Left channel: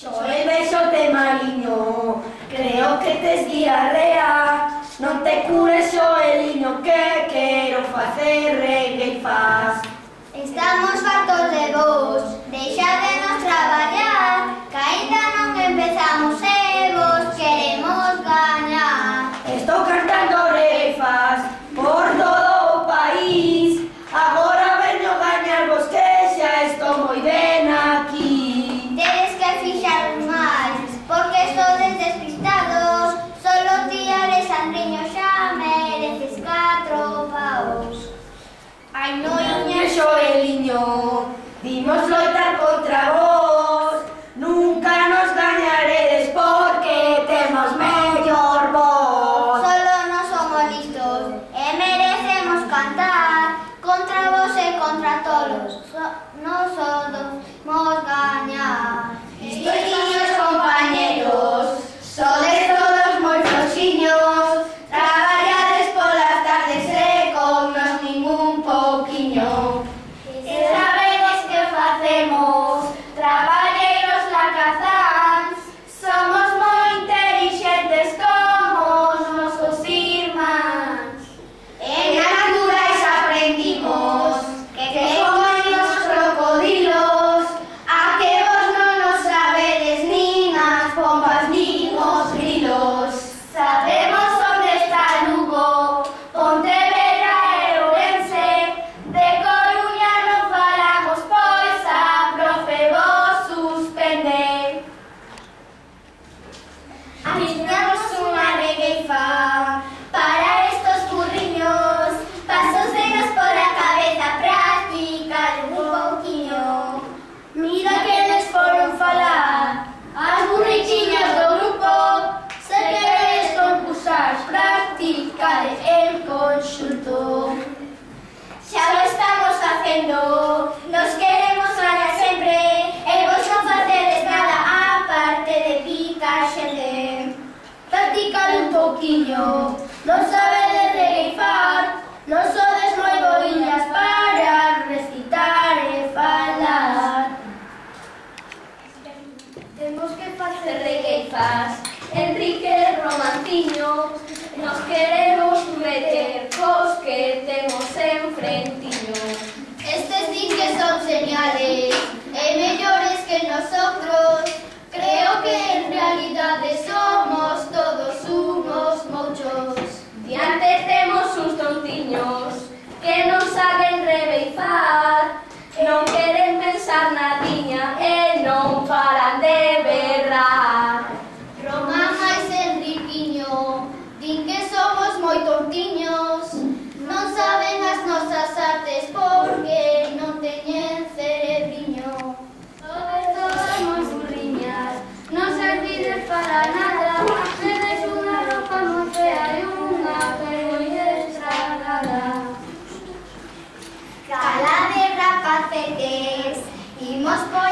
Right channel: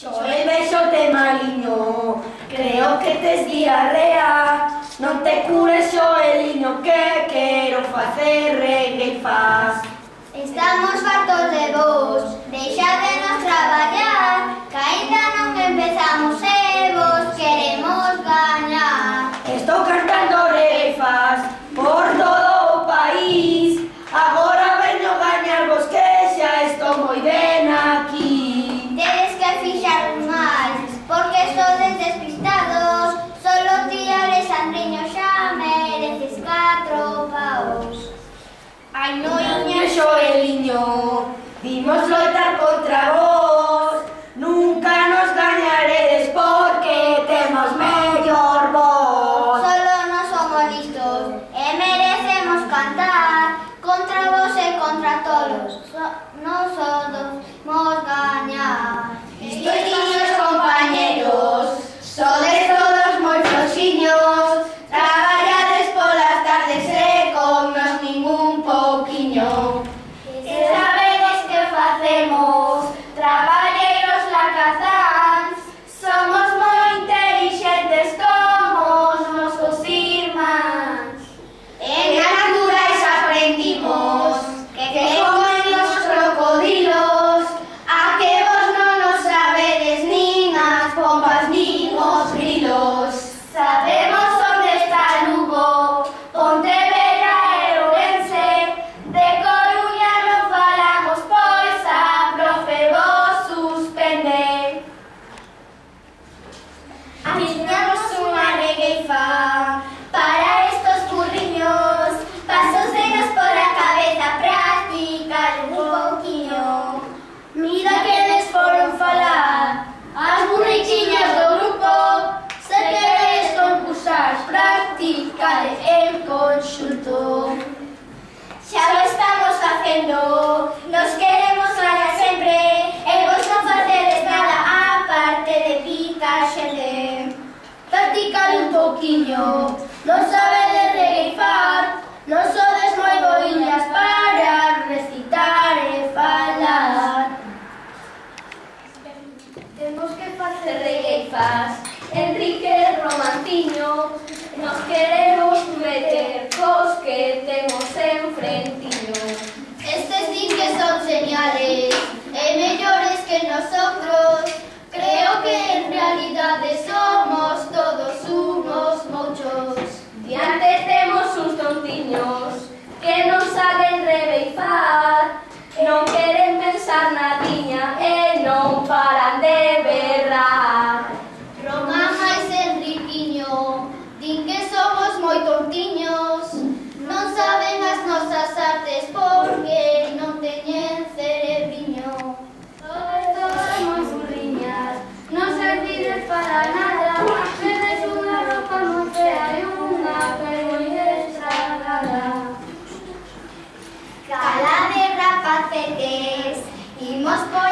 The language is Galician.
Yo el beso te maliño, creo que tes diarrea. Non te cures o eliño que quero facer regueifás. Estamos fartos de vos, deixadenos traballar, que aínda non empezamos e vos queremos gañar. Estou cantando regueifás por todo o país, agora veño gañarvos que xa estou moi ben aquí. Tedes que fixar máis, porque sodes despistados, solo ti, Alexandriño, xa mereces 4 paus. Ai, noiña Xoeliño, vimos loitar contra vos, nunca nos gañaredes porque temos mellor voz. Solo non somos listos e merecemos cantar, contra vos e contra todos, nos podemos gañar. Estoiños compañeros, sodes todos moi floxiños, traballades polas tardes e con nos ningún pouquiño. E sabedes que facemos, traballeiros lacazáns, somos moi intelixentes como os nosos irmáns. En naturais aprendimos que comen os crocodilos, a que vos non os sabedes nin as pombas nin os grilos. Sabemos onde está Lugo, Pontevedra e Ourense, de Coruña non falamos pois a profe vos suspende. Aficionamos unha regueifa para estos burriños, pasos denos por a cabeza, practicar un pouquiño. Mira que les foron falar as burrichiñas do grupo, se queredes concursar, practicar en conxunto. Xa lo estamos facendo, nos queremos ganar sempre, e vos non facedes nada aparte de picar xente. Practicar un pouquiño, non sabedes regueifar, non sodes moi boiñas para recitar e falar. Temos que facer regueifas, Enrique Romanciño, nos queremos meter cos que temos enfrentiño. Estes din que son geniales e mellores que nosotros, creo que en realidade somos todos unos mochos. Diante temos uns tontiños que non saben rebeifar, non queren pensar nadiña e non paran de berrar. Román máis Enriquiño, din que somos moi tontiños, non saben as nosas artes porque non teñen cerebriño. Todas moi burriñas, non servides para nada, tedes unha ropa moi fea e unha vergoña estragada. Cala de rapacetes, imos por